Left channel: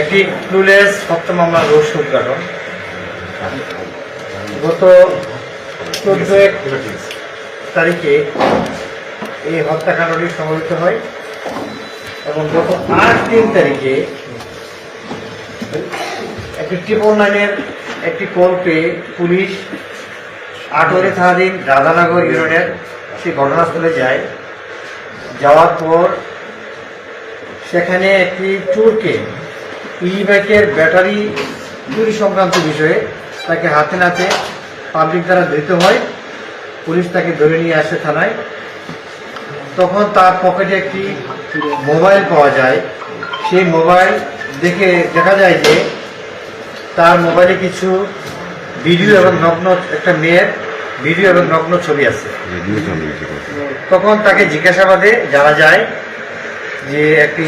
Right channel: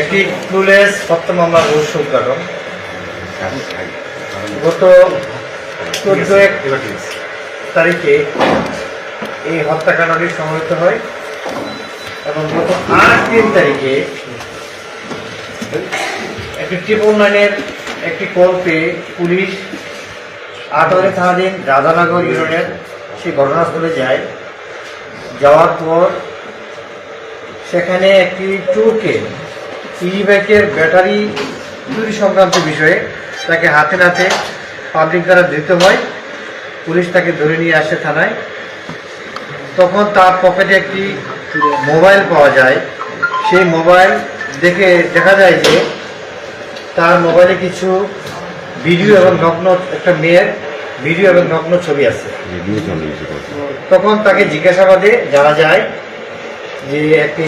একটি ক্লুলেস হত্যা মামলার রহস্য উদ্ঘাটন। গত 14 তারিখে এই হত্যাকাণ্ডটি সংঘটিত হয় এবং গত 8 তারিখে একটি 999-এর একটি কল পেয়ে পুলিশ আটোয়ারি থানাধীন রাধানগর ইউনিয়নের সেই ঘটনাস্থলে যায়। যাওয়ার পর সেখানে একটি ট্যুরকে ই-বাইকের ব্যাটারি চুরি সংক্রান্ত বিষয়ে তাকে হাতে নাতে পাবলিক দ্বারা ধৃত হয়। পুলিশ তাকে ধরে নিয়ে আসে থানায়। তখন তার পকেটে একটি মোবাইল পাওয়া যায়। সেই মোবাইল দেখে দেখা যায় যে তার মোবাইলে কিছু ভিডিও এবং নগ্ন একটা মেয়ের ভিডিও এবং নগ্ন ছবি আছে। তখন তাকে জিজ্ঞাসাবাদে জানা যায় যে একটি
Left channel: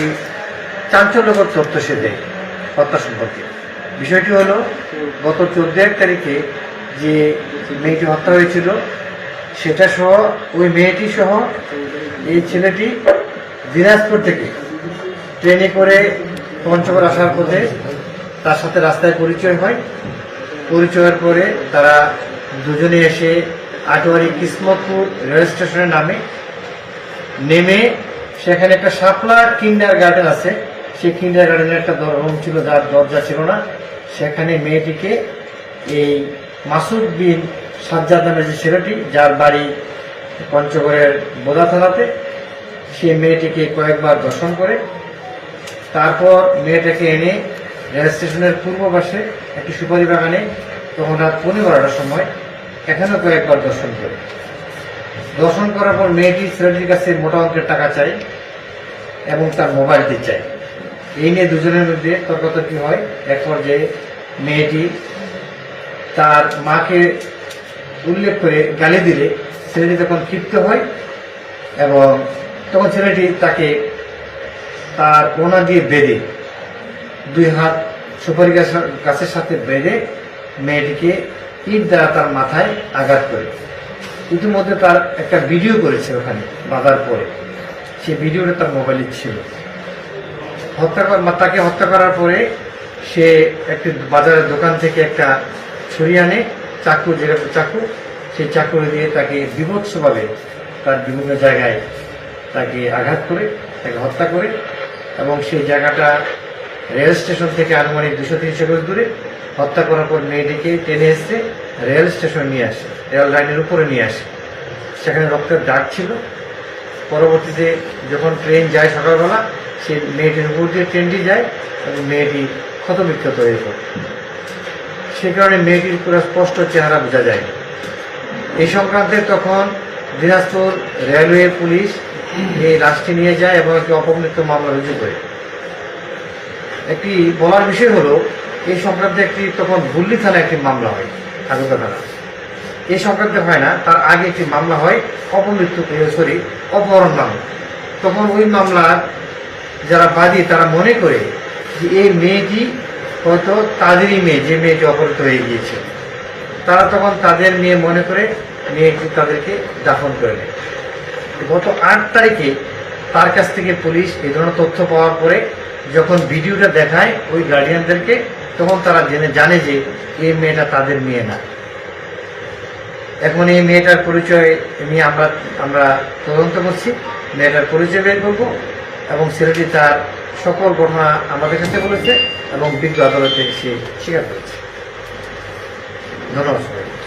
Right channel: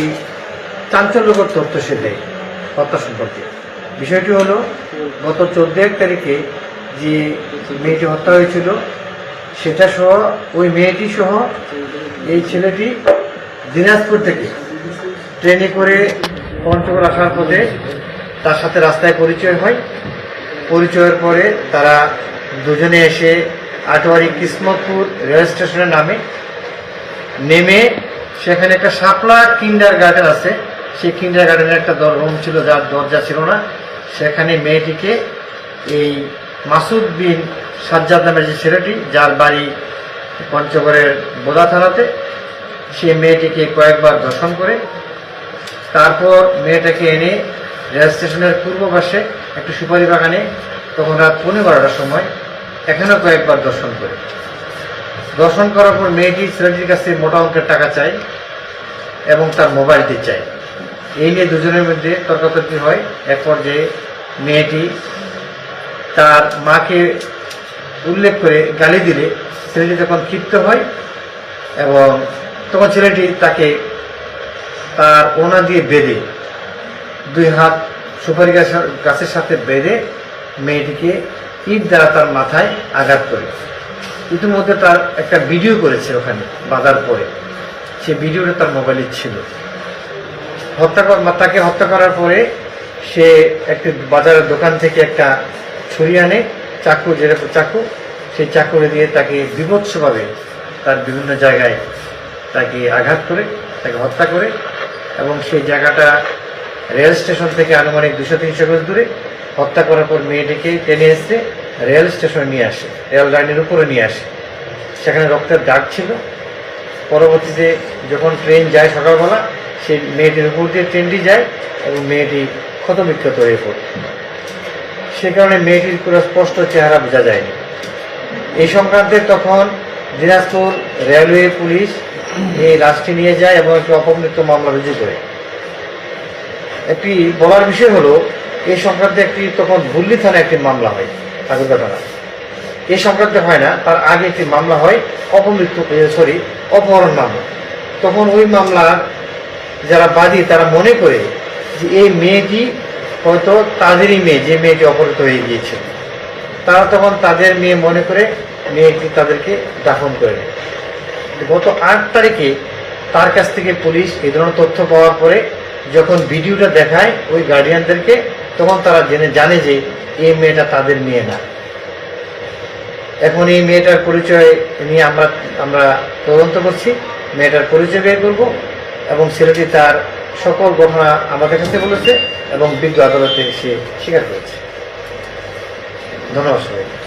চাঞ্চল্যকর তথ্য সে দেয় হত্যা সম্পর্কে। বিষয়টি হলো গত 14 তারিখে যে মেয়েটি হত্যা হয়েছিল সেটা সহ ওই মেয়েটি সহ এই ছেলেটি দিনাজপুর থেকে ট্রেনে করে পঞ্চগড় আসার পথে তার সাথে রাস্তায় পরিচয় হয়। পরিচয়ের পরে তারা দুজনে এসে আটোয়ারি কিসমতপুর রেল স্টেশনে নেমে সেখানে একটা শাপলা কিন্ডার গার্ডেন আছে। সেই কিন্ডার গার্ডেনের একটা রুম ছিল যার দরজা ছিল না। সেখানে মেয়েটিকে এই মাসুদ বিন সাজ্জাদ নামের যে ছেলেটি যার বাড়ি পঞ্চগড়ের বোদা থানাতে, সেই মেয়েটিকে কয়েকবার ধর্ষণ করে তারপর মেয়েটাকে এনে রেল স্টেশনের পূর্ব পাশে একটি সুপারি বাগানে তখন রাত 12:15টার সময় এখানেও কয়েকবার দর্শন করে। দর্শন করার পর মেয়েটি ছেলেটির কাছে মোটা অঙ্কের টাকা চায় এবং তার মোবাইলটি চায়। এই নিয়ে দুজনের মধ্যে তর্কাতর্কি হয়। এক পর্যায়ে মেয়েটি তার মাকে উল্লেখ করে গালি দিলে ছেলেটি তখন ক্ষিপ্ত হয় এবং তখন ছেলেটি তাকে তার ওনা দিয়ে বেঁধে 2 হাত সুপারি গাছের সাথে বেঁধে মেয়েটিকে ইট দ্বারা তার মাথায় আঘাত করে। ইতিমধ্যে তার একটা ভিডিও করেছে ওখানে বাঁধার পরে, সেই ভিডিওটা তার মোবাইলে ছিল। তাকে হত্যা করার পরে সে একটি বাজারের দোকান থেকে একটা ছুরি আনে, চাকু, যেরকম চাকু, সেই চাকুরে দিয়ে তাকে বিভৎসভাবে তার বিভিন্ন জায়গায় তাকে আঘাত করে তাকে হত্যা করে এবং সেই জায়গাটা রেল স্টেশন থেকে আনুমানিক 200-300 গজ দূরে। হত্যা করার পর মেয়েটিকে টেনে এসে রেল স্টেশনে নিয়ে আসে, রেল লাইনের উপরে নিয়ে আসে। সেখানে রক্তের দাগ ছিল। পরবর্তীতে যখন ট্রেন যায় সকালবেলা, সেই মেয়েটির উপর দিয়ে ট্রেনটি যায় এবং মেয়েটি ক্ষতবিক্ষত হয়ে পড়ে। সে কারণে মেয়েটির পুরো স্পষ্ট চেহারা বোঝা যায়। এই সংক্রান্তে তখন দিনাজপুর রেলওয়ে পুলিশ এই লাশটি নিয়ে যায় এবং একটি অপমৃত্যু মামলা রুজু করে। একটি বলার বিষয় হলো এই সংক্রান্তে একটি তখন ভুল্লি থানায় একটি মামলা হয়, ঠাকুরগা থানা। এই সংক্রান্তে হয় না, তার আগে একটি মামলা হয় অপহরণ নামে। তখন ওই মামলার যারা বাদী তারা মনে করে যে এই মেয়েটি হয়তো তাদেরই মেয়ে, যে মেয়েটি অপহৃত হয়ে গিয়েছে। তারা তখন তাদের মেয়ে মনে করে মেয়েটি তাদেরকে দাফন করে নেয়। গত 8 তারিখে তার কাছ থেকে পুলিশ এই ধরনের তথ্য পাওয়ার পরে যখন ভিডিওটা দেখায় ওই গার্ডিয়ানদেরকে, তখন তারা জানে যে এই মেয়েটা তাদের মেয়ে না। এখন এই মেয়েটার পরিচয় নিয়ে আমরা তদন্ত করছি, মেয়েটার পরিচয় বের করব এবং ছেলেটি তার সকল ঘটনা আমাদের কাছে বলেছে এবং বিজ্ঞ আদালতে সে স্বীকার করেছে। ধন্যবাদ সবাই।